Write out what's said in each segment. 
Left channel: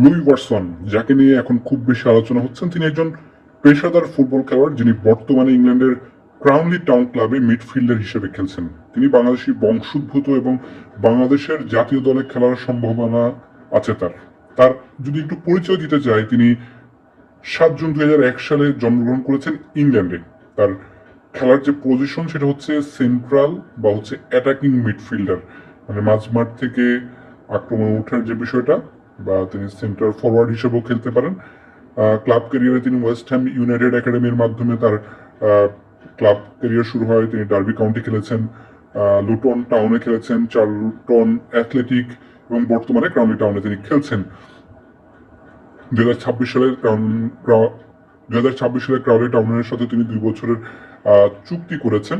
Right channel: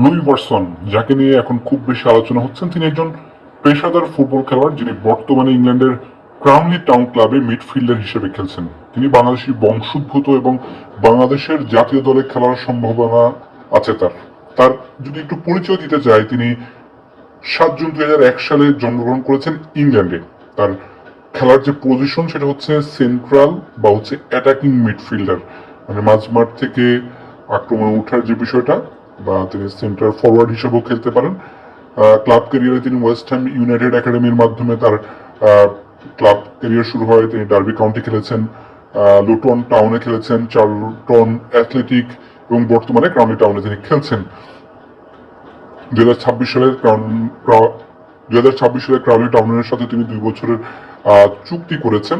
Luis Watson, যাকে নিয়ে এখন খুব বেশি আলোচনা হচ্ছেন, তিনি একজন পেশাদার ফুটবল খেলোয়াড় যিনি বর্তমানে ইংল্যান্ডের ক্রাউনলি টাউন ক্লাবে মিডফিল্ডার হিসেবে খেলছেন। তিনি বাংলাদেশি বংশোদ্ভূত এবং বাংলাদেশের জাতীয় দলে খেলার সম্ভাবনা আছে তার। তার যদি একটু পরিচয় দিতে চাই, তিনি 7 জুন 2001 সালে জন্মগ্রহণ করেছেন ইংল্যান্ডে। তার খেলার যে পজিশন সেটা হচ্ছে সেন্ট্রাল বা হচ্ছে অ্যাটাকিং মিডফিল্ডার, মানে মাঝমাঠ থেকে আক্রমণে ওঠার যে বিষয়টা, বা তিনি সেন্টার ফরওয়ার্ড হিসেবেও খেলতে পারেন। ক্লাব ক্যারিয়ারে তিনি ওয়েস্ট হ্যাম ইউনাইটেড একাডেমির মাধ্যমে তার ক্লাব ক্যারিয়ার শুরু হয়। তিনি ডার্বি কাউন্টি খেলেছেন, লুটন টাউনে খেলেছেন, চার্লটন অ্যাথলেটিক এবং বর্তমানে ক্রাউনি টাউনে তিনি খেলছেন। 2026 সালে ক্রাউনি টাউনের সাথে তিনি 2 বছরের চুক্তি করেছেন।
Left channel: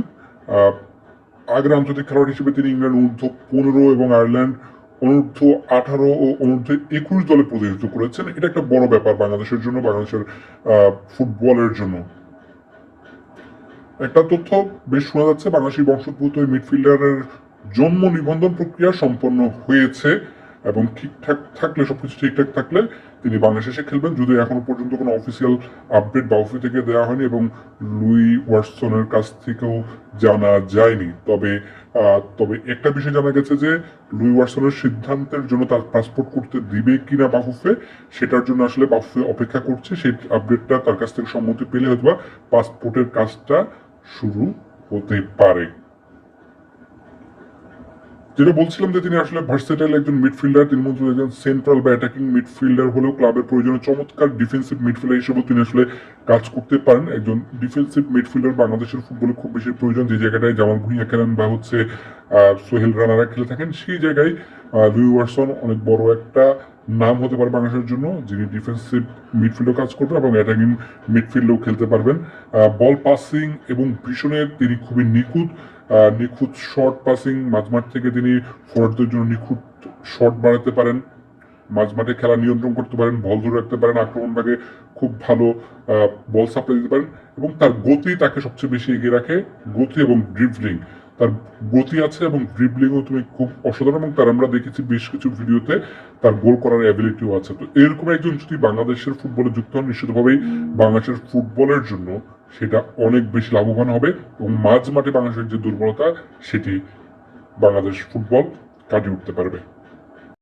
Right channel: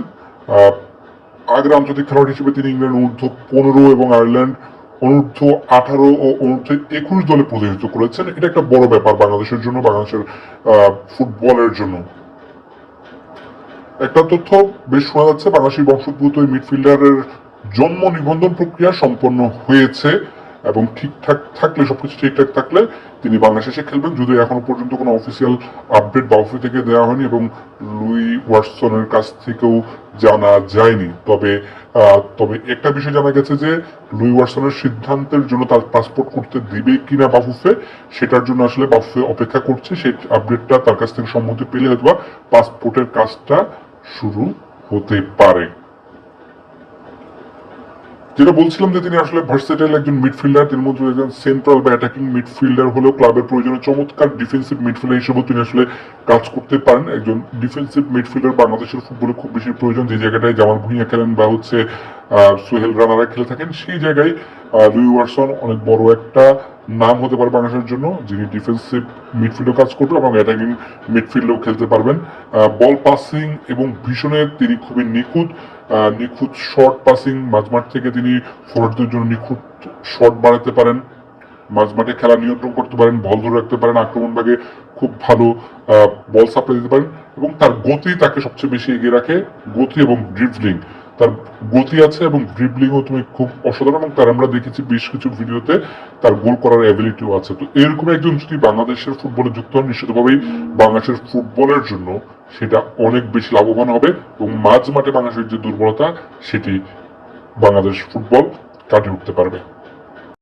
আগের আন্তর্জাতিক খেলোয়াড় হিসেবে তিনি ইংল্যান্ড অনূর্ধ্ব-15 এবং আয়ারল্যান্ড অনূর্ধ্ব-18 ও অনূর্ধ্ব-21 দলে প্রতিনিধিত্ব করেছেন। এটা একটা বড় ব্যাপার বাংলাদেশের জন্য, বাংলাদেশের ফুটবলের জন্য। একটা তথ্য বেশ শোনা যাচ্ছে, বাংলাদেশি বংশোদ্ভূত এই মিডফিল্ডারের জন্ম নিবন্ধন প্রক্রিয়া সম্পন্ন হয়েছে এবং ঠিকঠাক থাকলে, সবকিছু ঠিকঠাক থাকলে তিনি বাংলাদেশে খেলবেন। যদিও এখনো পর্যন্ত কোনো অফিসিয়াল আপডেট বাউফে থেকে দেওয়া হয়নি এবং লুই ওয়াটসনের কাছ থেকেও জানা যায়নি। তবে একটা বিষয় জানা গেছে যে লুই ওয়াটসনের সিদ্ধান্তের জন্য তার পাসপোর্ট করতে দিবে কিনা বাফুফে, সেটার জন্য আসলে বাফুফে অপেক্ষা করছে। সেই আপডেটটা তার কাছ থেকে সম্মতি পেলে হয়তো পাসপোর্টের কাজটা শুরু হতে পারে। যেটা বলছিলাম যে তিনি আসলে ভার্সেটাইল একজন মিডফিল্ডার, তিনি মধ্যে একজন সেন্ট্রাল বা অ্যাটাকিং মিডফিল্ডার হলেও ক্লাবের প্রয়োজনে চমৎকার ডিফেন্সিভ মিডফিল্ডার হিসেবেও তিনি আসলে কাজ করতে পারেন। একজন ডিফেন্সিভ মিডফিল্ডার বাংলাদেশের ফুটবলে খুব বেশি প্রয়োজন। যে জায়গাটায় জামাল ভুঁইয়া খেলেন বা হচ্ছে সোহেল রানারা খেলে থাকেন, সেই জায়গায় লুই ওয়াটসন অনেক বড় একটা নাম হতে পারে বাংলাদেশের জন্য, যিনি ডিফেন্সিভ মিডফিল্ডে কাজ করবেন এবং অ্যাটাকিং মিডফিল্ডেও খেলতে পারবেন। বল পাসিং এবং ভিশনে তিনি খুবই নিখুঁত শর্ট পাসিং, মাঝমাঠ থেকে তিনি ফরওয়ার্ডদের জন্য নিখুঁত শট বানাতে পারেন, মাঝমাঠে খেলা নিয়ন্ত্রণ করতে পারেন, বল ধরে রাখতে পারেন, আক্রমণ ভাগে খুব ভালো বল সাপ্লাই দিতে পারেন এবং তার গতি তাকে সবচেয়ে বেশি এগিয়ে রাখে। গতি এবং ড্রিবলিং, তার গতি আছে এবং ড্রিবলিংও তুমি খুব অসাধারণ, এবং তার আমরা দেখেছি বেশ কিছু ভিডিওতে তার গোল করার অ্যাবিলিটিও আছে। তো এরকম একজন যদি বাংলাদেশের ফুটবলে যুক্ত হন, নিশ্চিতভাবেই বাংলাদেশের ফুটবলের জন্য সেটা অনেক বেশি লাভবান হবে এবং মাঝ মাঠে বাংলাদেশের যে দুর্বলতা সেটি বাংলাদেশ ফুটবল কাটিয়ে উঠতে পারবে।